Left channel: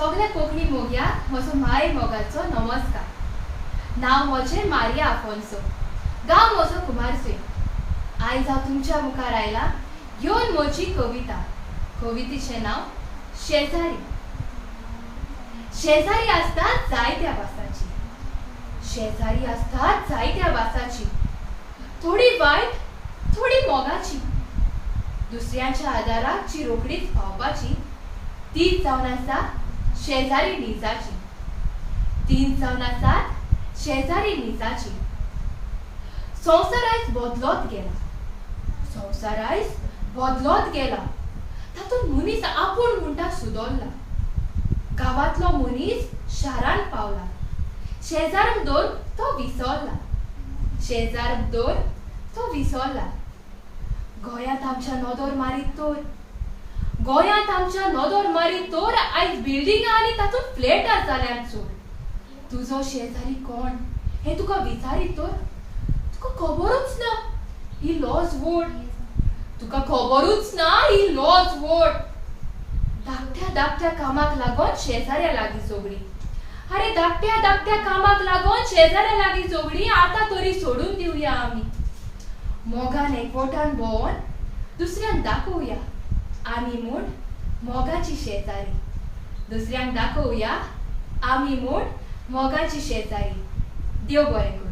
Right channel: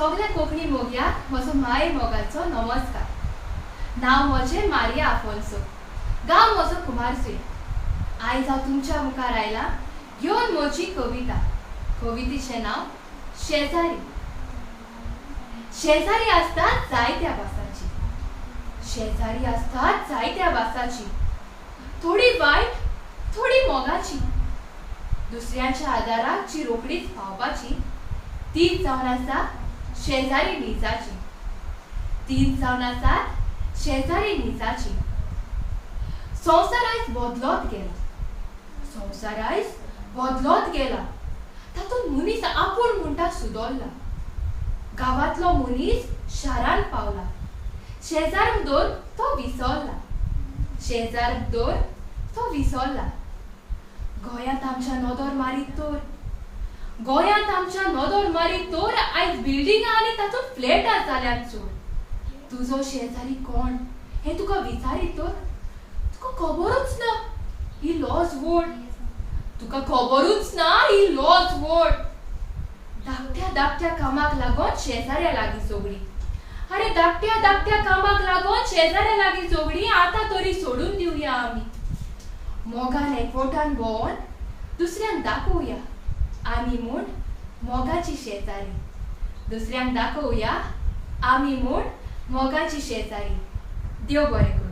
सगळ्या कोंकणी मोग्याक म्हजो माय मोगाचो नमस्कार. नाव म्हजें मारिया आफोन्सो, गांव म्हजो कुमारसुय. आयज हांव तुमच्या मुखार आयलां घेवन म्हजी कविता. कवितेचें नांव शेजारी. शेजारी असतात जायत्या भासाची, शेजारी असतात जायत्या भासाची, थोडी वायट थोडी मोगाची. दुसऱ्यांच्या आदाराक जी रोकडीच पावपाची, तीच जावन आसा शेजारी निजाची. तीच जावन आसात शेजारी निजाची. संवसार आयज बदलत गेला, संवसार आयज बदलत गेला. तातूंत मनीस आपूण म्हणटा सुदरला. गांवांतलो मनीस शारांत पावला. शेजारक दोर तो विसरला, शेजारक दोर तो विसरला. गोंयांत आमच्या नदर मारीत तर, गोंयांत आमच्या नदर मारीत तर आयज बिल्डिंगां आनी तातूंत फ्लॅटां जाल्यात चड. तुजो शेजारी कोण हें तुका विचारीत तर तुका खबरूच ना ही लॉज वोट. तुका खबरूच ना ही लॉज वोट. धाकट्या धाकट्या कामाक लागून शेजाऱ्या लागीं झगडी. अरे धाकट्या धाकट्या कामाक लागून शेजाऱ्या लागीं झगडी आतां तरी सोडून दिवया आमी. मोगान एकवटान भोंवन दुसऱ्यांक दाखोवया आमी म्हूण मोगाची शेजारी. दुसऱ्यांक दाखोवया आमी म्हूण मोगाची शेजारी. देव बरें करूं.